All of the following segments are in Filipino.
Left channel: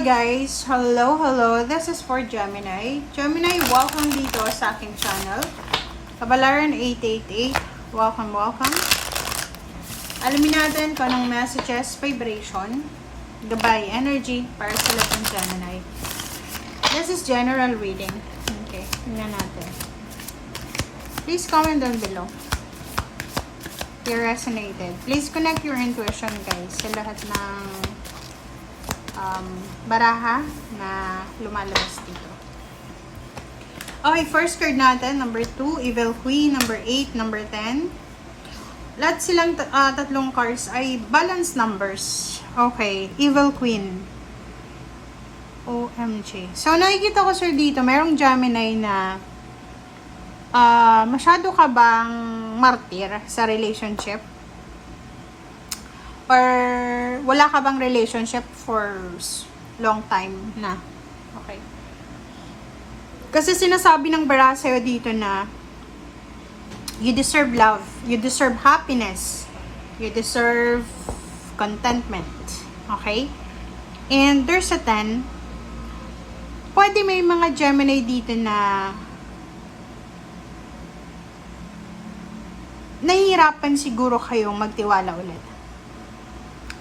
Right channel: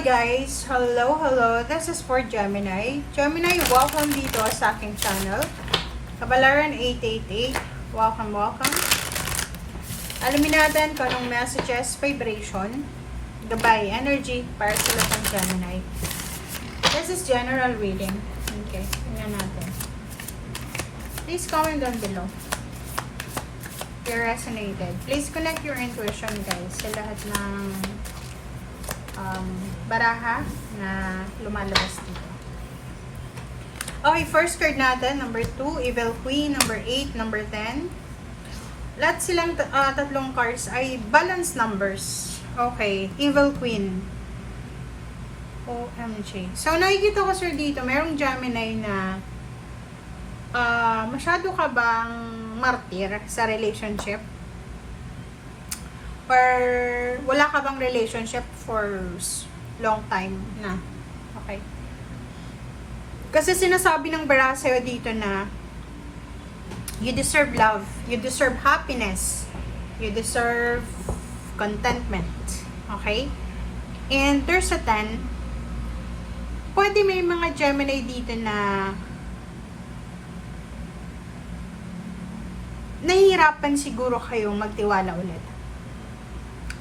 Hi guys! Hello! This is for Gemini. Gemini, welcome dito sa aking channel. Kabalaran 888. Welcome. Alamin natin kung anong messages, vibration, Dubai energy para sa lahat ng Gemini. This is general reading. Okay, tingnan natin. Please comment down below if you resonated. Please connect your intuition guys sa lahat ng baraha na lumalabas dito. Okay, first card natin, number 2, Evil Queen, number 8, number 10. Lahat silang tatlong cards ay balance numbers. Okay, Evil Queen. OMG. So, nakikita ko sir dito, mayroong Gemini na masyado ka bang martir sa relationship? Or wala ka bang relationship for long time na? Okay. Kasi sinasabi ng bara sa'yo dito na you deserve love, you deserve happiness, you deserve contentment. Okay? And there's a 10. Pwede may mga Gemini dito na nahihirapan siguro kayong magtiwala ulit.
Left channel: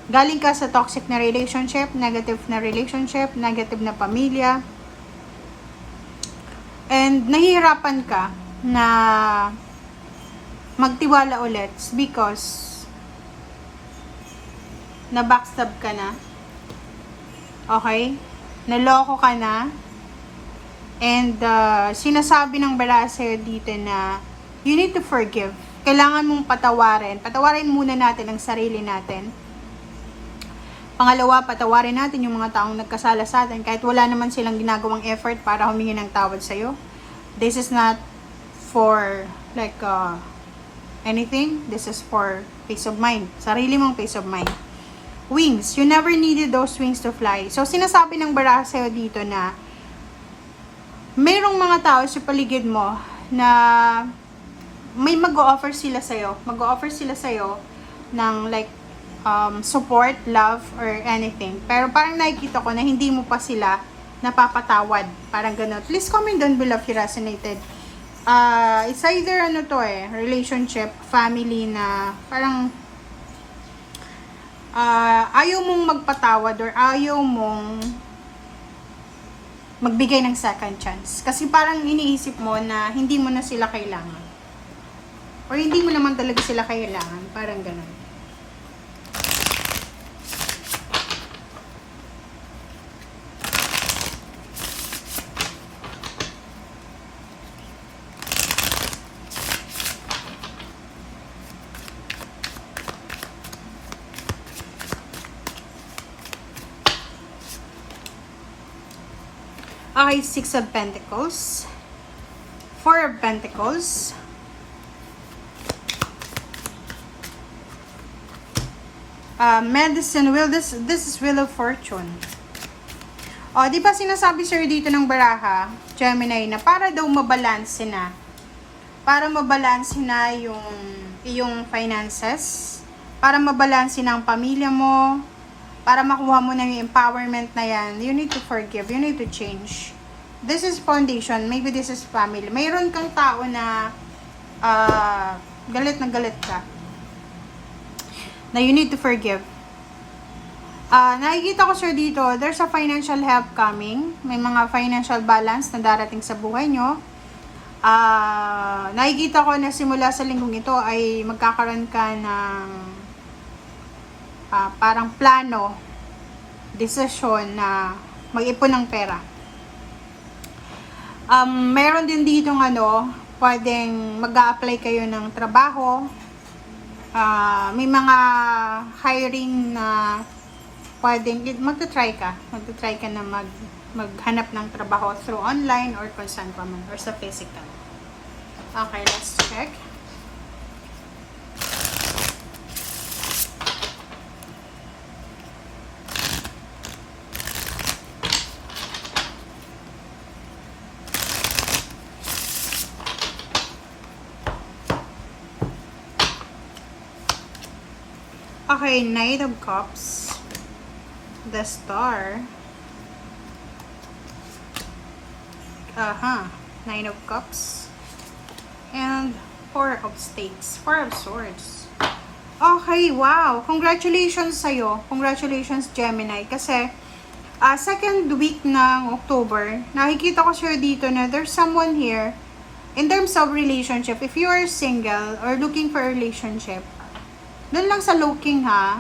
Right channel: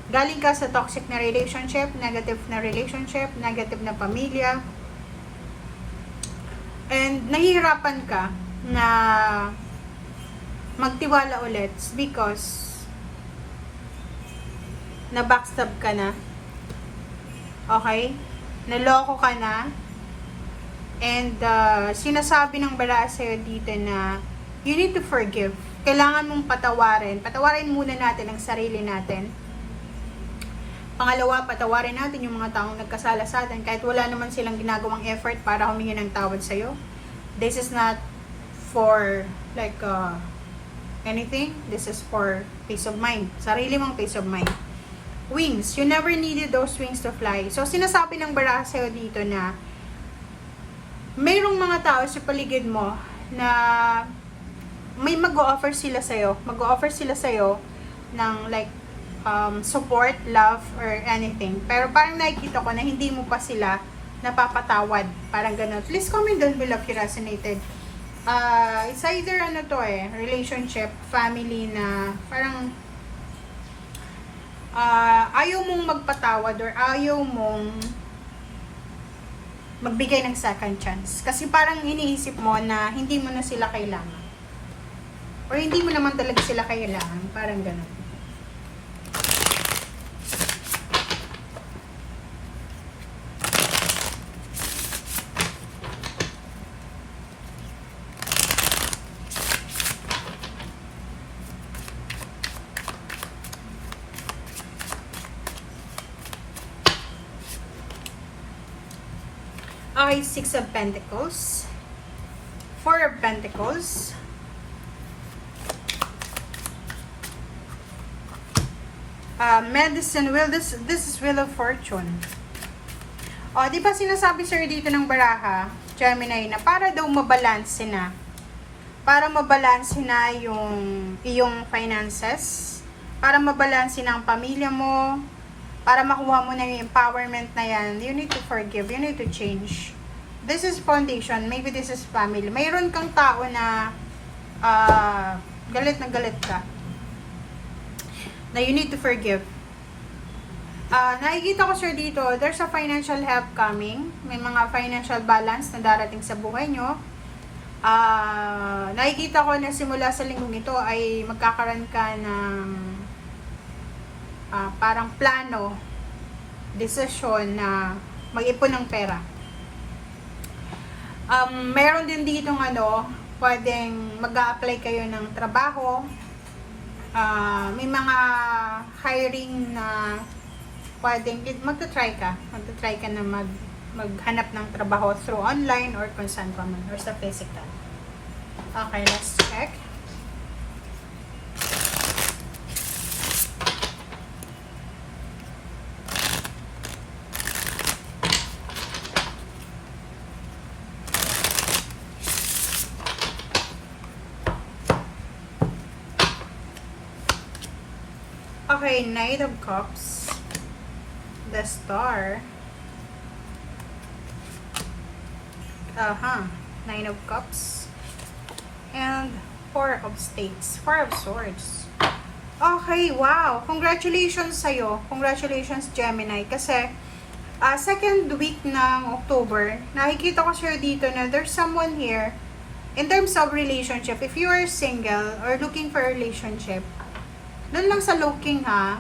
Galing ka sa toxic na relationship, negative na relationship, negative na pamilya. And nahihirapan ka na magtiwala ulit because na-backstab ka na. Okay? Naloko ka na. And sinasabi ng bala sa'yo dito na you need to forgive. Kailangan mong patawarin. Patawarin muna natin ang sarili natin. Pangalawa, patawarin natin yung mga taong nagkasala sa atin kahit wala naman silang ginagawang effort para humingi ng tawad sa'yo. This is not for like anything. This is for peace of mind. Sarili mong peace of mind. Wings. You never needed those wings to fly. So, sinasabi ng bara sa'yo dito na mayroong mga tao sa paligid mo na may mag-o-offer sila sa'yo. Mag-o-offer sila sa'yo ng like support, love, or anything. Pero parang nakikita ko na hindi mo pa sila napapatawad. Parang gano'n. Please comment down below if you resonated. It's either relationship, family na parang ayaw mong magpatawad or ayaw mong magbigay ng second chance. Kasi parang iniisip mo na hindi mo na sila kailangan. Or hindi mo naman talaga sila kailangan. Parang gano'n. Okay, 6 of Pentacles, 4 of Pentacles, Medicine Wheel, this is Wheel of Fortune. O, di ba sinasabi sa'yo dito ng baraha, Gemini, na para daw mabalanse na. Para mabalanse na yung iyong finances, para mabalanse na ang pamilya mo, para makuha mo ng empowerment na yan, you need to forgive, you need to change. This is foundation, maybe this is family. Mayroon kang tao na galit na galit ka. Na you need to forgive. Nakikita ko sir dito, there's a financial help coming. May mga financial balance na darating sa buhay nyo. Nakikita ko na simula sa linggong ito ay magkakaroon ka ng parang plano, decision na mag-ipon ng pera. Meron din dito pwedeng mag-a-apply kayo ng trabaho. May mga hiring na pwedeng magta-try ka na maghanap ng trabaho through online or kung saan pa man or sa physical. Okay, let's check. Okay, Knight of Cups, the Star, Nine of Cups. And Four of Spades. Four of Swords. Okay, wow. Congratulations sa'yo. Congratulations, Gemini. Kasi, second week ng October, nakikita ko sa'yo dito na there's someone here, in terms of relationship, if you are single or looking for a relationship, doon lang sa looking ha,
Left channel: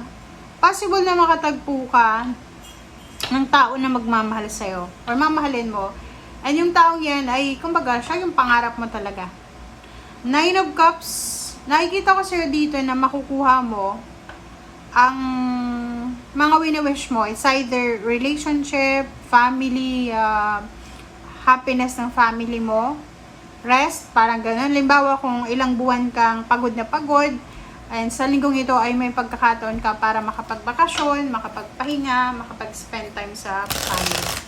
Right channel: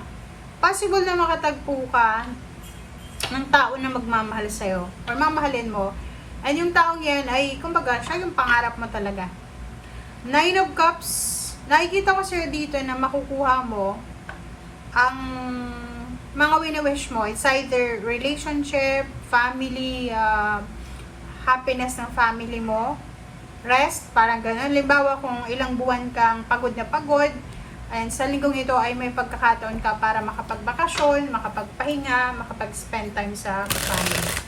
possible na makatagpo ka ng tao na magmamahal sa'yo or mamahalin mo. And yung taong yan ay, kumbaga, siya yung pangarap mo talaga. Nine of Cups, nakikita ko sa'yo dito na makukuha mo ang mga wini-wish mo. It's either relationship, family, happiness ng family mo, rest, parang ganun. Limbawa kung ilang buwan kang pagod na pagod, and sa linggong ito ay may pagkakataon ka para makapagbakasyon, makapagpahinga, makapag-spend time sa family.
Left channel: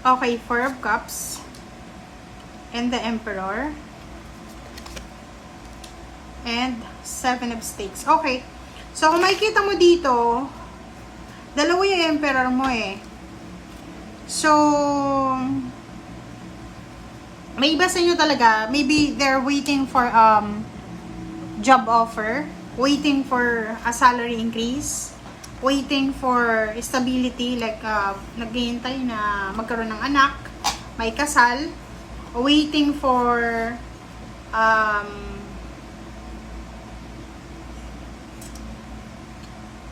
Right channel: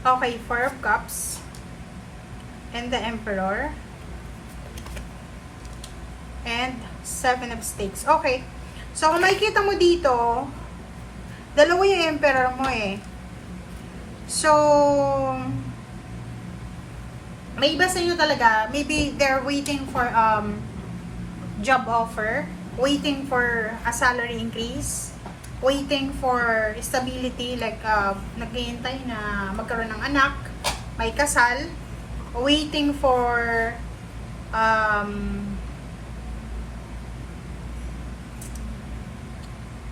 Okay, Four of Cups and the Emperor and Seven of Stakes. Okay, so kung makikita mo dito, dalawa yung Emperor mo eh. So, may iba sa inyo talaga, maybe they're waiting for job offer, waiting for a salary increase, waiting for stability, like naghihintay na magkaroon ng anak, may kasal, waiting for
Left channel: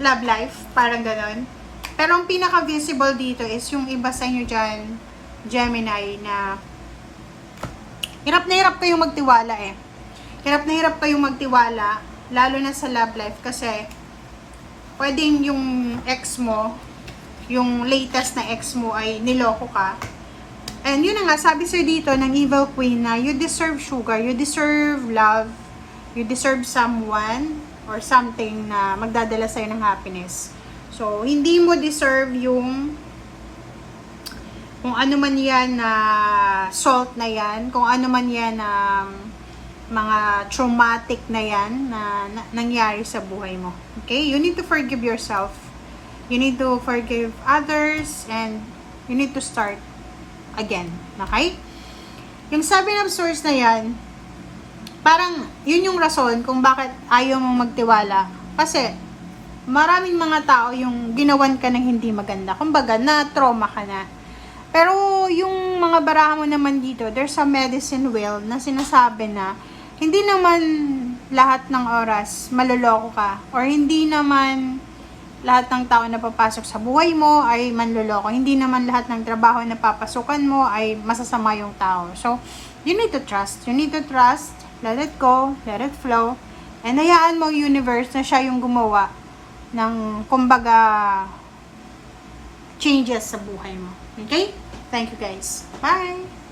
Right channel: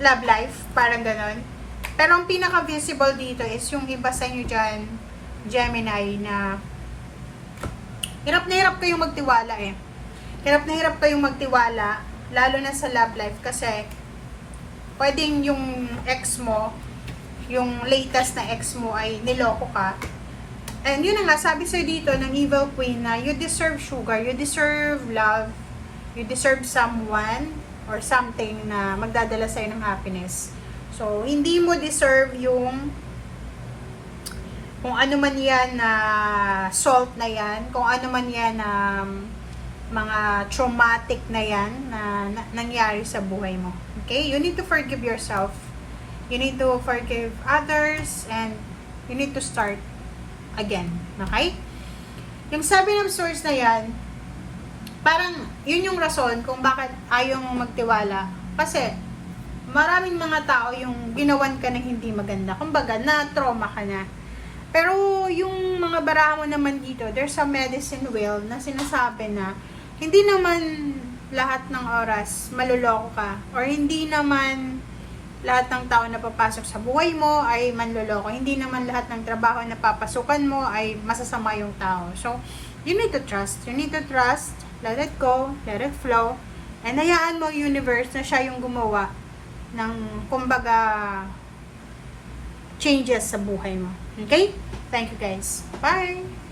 love life, parang ganon. Pero ang pinaka-visible dito is yung iba sa inyo dyan, Gemini, na hirap na hirap kayong magtiwala eh. Hirap na hirap kayong magtiwala, lalo na sa love life, kasi pwedeng yung ex mo, yung latest na ex mo ay niloko ka. And yun na nga, sabi sa'yo dito ng Evil Queen na you deserve sugar, you deserve love, you deserve someone or something na magdadala sa'yo ng happiness. So, hindi mo deserve yung kung ano man yan na salt na yan, kung ano man yan na mga traumatic na yan na nangyari sa buhay mo. Okay? You need to forgive yourself. You need to forgive others and you need to start again. Okay? Yung Seven of Swords na yan, parang yun yung rason kung bakit ayaw mong magtiwala. Kasi maraming mga tao yung ginawan ka ng hindi maganda. Kumbaga, na-trauma ka na. Pero yung mga baraha mo naman dito, there's a medicine wheel na sinasabi na hindi naman lahat ng oras maloloko ka, or hindi naman lahat ng tao na papasok sa buhay mo ay manloloko. Hindi naman lahat ng trabaho na papasukan mo ay masasama yung tao. So, you need to trust. You need to trust. Let it go. Let it flow. And hayaan mo yung universe na siya yung gumawa ng, kumbaga, changes sa buhay mo. Okay? Thank you guys. Bye!